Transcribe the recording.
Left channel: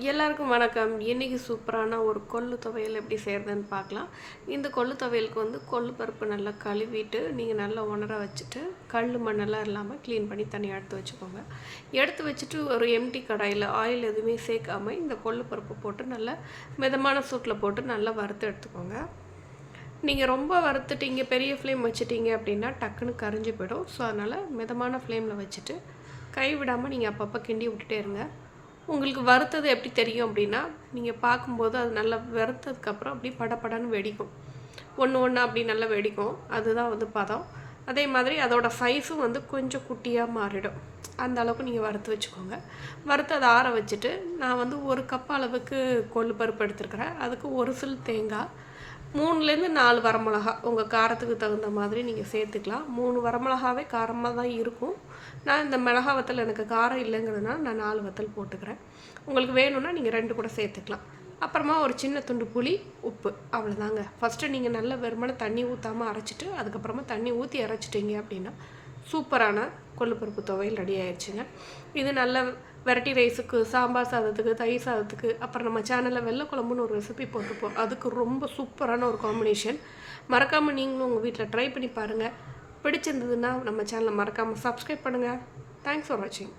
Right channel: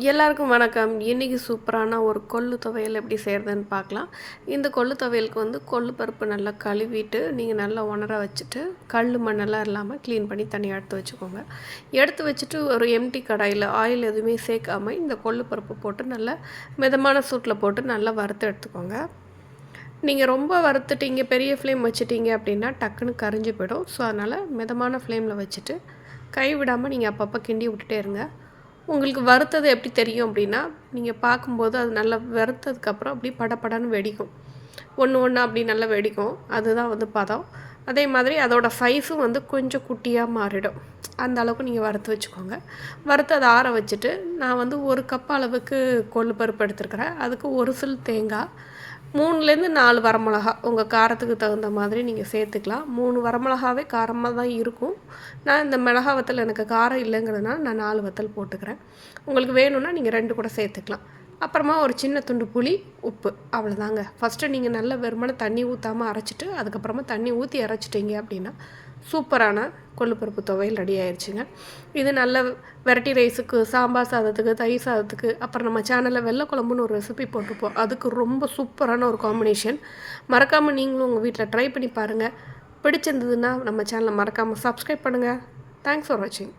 எல்லாருக்கும் வணக்கம். இன்றைக்கி சூப்பரான ஒரு கொள்ளு துவையல் எப்படி செய்கிறதுன்னு பார்க்கலாம். இந்த கொள்ளு துவையலுக்கு வந்து கொள்ளு பருப்பு நல்லா கழுவிட்டு நீங்கள் நல்லா உணர வச்சுட்டு கல் மண்ணெல்லாம் இல்லாமல் க்ளீன் பண்ணி தனியாக எடுத்து வச்சுக்கோங்க. எடுத்து வச்சுட்டு ஒரு எம்டி கடாயில் ஆயில் எதுவுமே சேர்க்காமல் இந்த கொள்ளு பருப்பு போட்டு நல்லா மிதமான சூட்டில் போட்டு நல்லா வறுத்து எடுத்துக்கோங்க. நீங்கள் ரொம்ப வறுத்துட்டீங்க பெரிய ஃப்ளேம் வச்சுட்டீங்க அப்படின்னா டக்குன்னு கரைஞ்சி போயிடும். ஸோ அதனால் மிதமான ஃப்ளேமில் வச்சுட்டு கை விடாமல் நீங்கள் அப்பப்போ கிண்டி விட்டுட்டே இருங்க. உங்களுக்கு வறுத்தது எப்படி தெரியும் அப்படின்னா நீங்கள் பார்க்கும்போது அது நல்லா வறுத்ததுக்கப்புறம் அப்படி படப்படன்னு வெடிக்கும். ஒன்று ஒன்று அப்படி நல்லா வெடிக்கும். அதுதான் வந்து பதம். அதே மாதிரி அதோடய சைஸும் வந்து கொஞ்சம் குட்டியாக மாறிடும். அந்த அளவுக்கு நீங்கள் வறுத்து வச்சுக்கோங்க. வறுத்து அதை ஆற வச்சுட்டு நான் வந்து ஒரு கப் அளவுக்கு கொள்ளு பருப்பு எடுத்துருக்கிறேன். அதுக்கு ஒரு சில் தேங்காய் மூணுலேருந்து நாலு வரமிளகா. உங்கள் காரத்துக்கு தகுந்த மாதிரி நீங்கள் சேர்த்துக்கலாம். மூணு வரமிளகாவே காரமாக தான் இருக்கும். நான் இந்த மிளகா வத்தல் எனக்கு காரம் இல்லைங்கிறதுனால நான் நாலு வத்தல் போட்டுக்கிறேன். உங்களுக்கு வேணும்னா நீங்கள் ரெண்டு கூட சேர்த்துக்கலாம். அப்புறமா ஒரு சின்ன துண்டு புளி உப்பு. அவ்வளோதாங்க. ஃபஸ்ட்டு நீங்கள் நல்ல வெறுமனை தண்ணி ஊற்றாமல் அரைச்சிட்டு அதுக்கப்புறமா தண்ணி ஊற்றி அரைச்சிட்டிங்க அப்படின்னா சூப்பரான கொள்ளுப்பருப்பு துவையல் ரெடி ஆயிடுச்சுங்க இது நல்ல வெரைட்டி ரைஸுக்கு சாம்பார் சாதத்துக்கு தயிர் சாதத்துக்கு அப்புறம் நம்ம சேனலில் வெள்ளை குழம்புன்னு ஒரு ரெசிபி போட்டிருப்போம். அதுக்கு ரொம்ப சூப்பரான ஒரு காம்பினேஷன் மறக்காமல் நீங்களும் உங்கள் வீட்டில் ட்ரை பண்ணி பாருங்கள் பிடிச்சிருந்ததுன்னா நம்ம சேனலை மறக்காமல் சப்ஸ்கிரைப் பண்ணுங்கள் தேங்க்ஸ் ஃபார் வாட்சிங்